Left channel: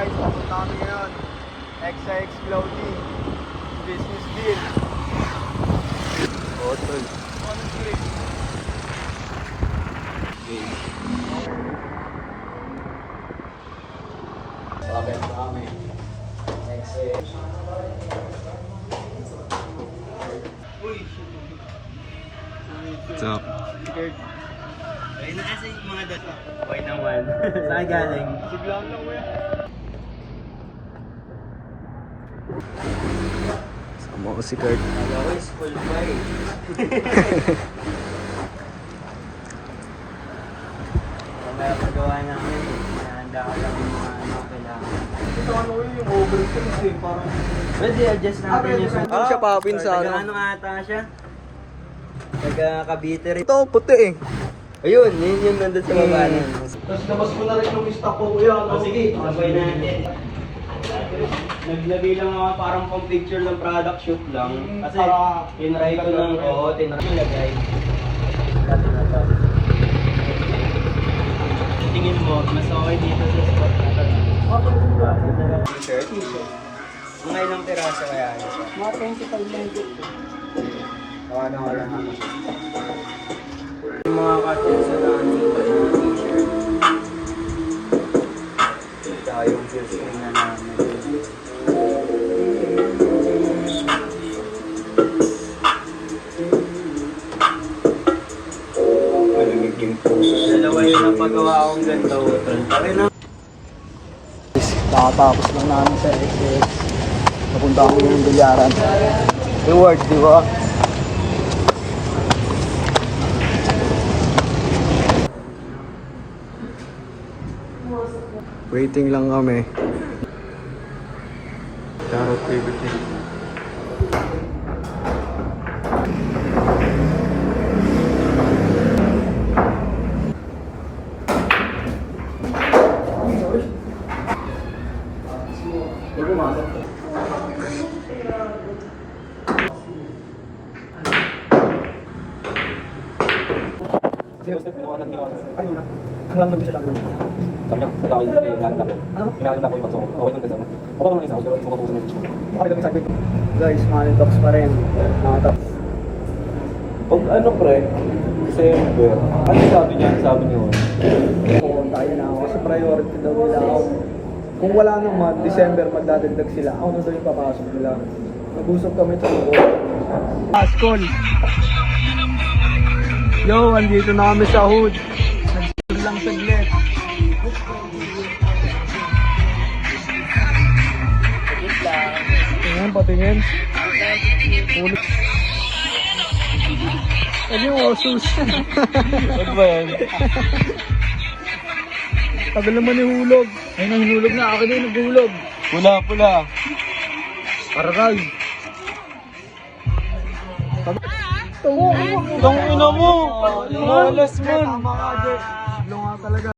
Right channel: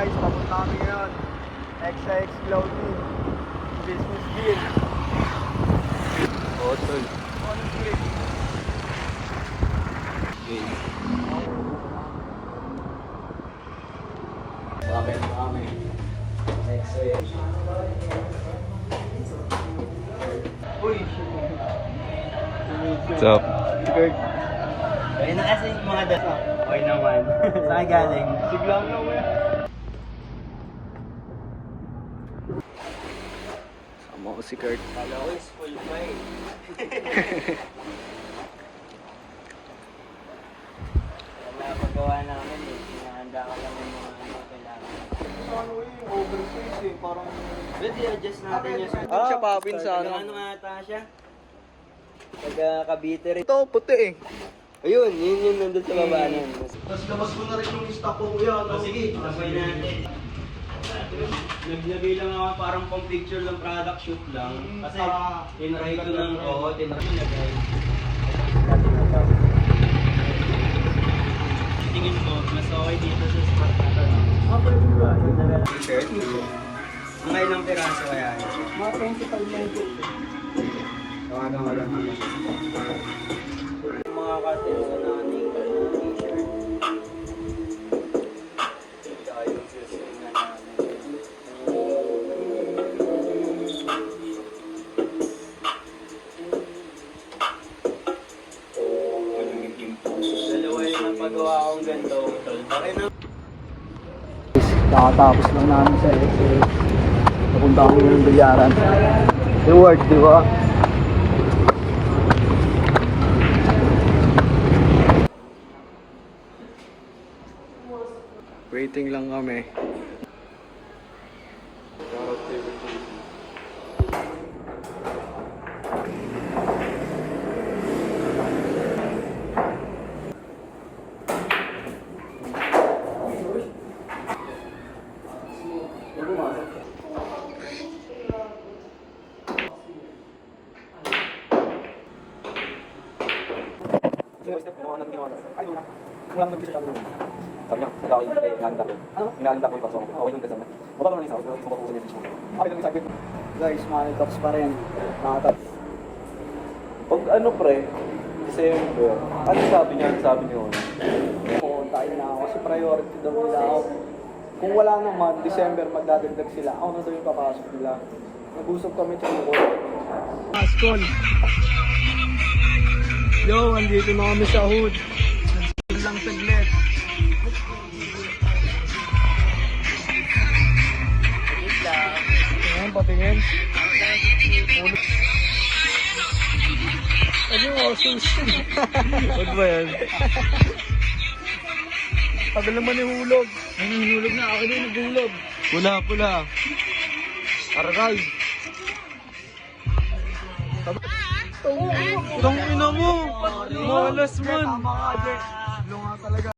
guys, papunta kami ngayon. XX Clothing. Business deal. Tol. Ano deal? Sabi na kami. XX. Uy, shit. What's up? Kurt. Ayun na kasi mga dasa. Okay naman. Saan galing? Siglang lang kuya. Sama ko si Kurt. Kala ko is full fight. Kamaya pagawa namin eh. Nahanda ko lang yung mga ano kailangan. Ito ano yung oversize eh. Parang... Pwede adjust natin yung sa... Doon siya papin sa ano. Ano ata siya? Taga Cavite rin. Ito, puti eh. Ayun, yun yung nandun sa baba nun. Tapos labas ko na rin yung stock ko kuya. Sige, sabay na natin. Naglagay lang ako parang pang picture ng product shoot lang. Kasi tinry ko ng, tinry ko lagay. Ito na to. Tingin mo, mas okay dito sa spot na to. Okay, diba? Shirt. Mga ilang piraso kaya? Mga 25 lang dito. Ano lang. Yung mga cartels na mga t-shirt. Tsaka yung shoes na namin. Dalawa yun ang paggawa akong ganito. Nakatapos lang namin sa XX. Papunta kami yung bilyaran. Reward, di ba? Waiting lang kami. Charot favorite thing. Guys, money talks pa rin. Mga talks. Pag ano pre, December, ano sabi niya? Sabi niyo? Oo, tayo na ako. Kasi priority daw nila ako. Kung wala naman, December magdadagdag sila. Ako na daw yung papasok nila. Nag-usap kami sa mga Askol! Yo, andito na kami sa hood. Nag-hood lang saglit. Patingin, patingin. Ulit. Ano yung osos? Ano ba yan? Tagal naman yung hulog. Ayun ang hulog na. Ako din naghulog. Pula, pula. Aral. Itong ina mo. Malas man. Talaga.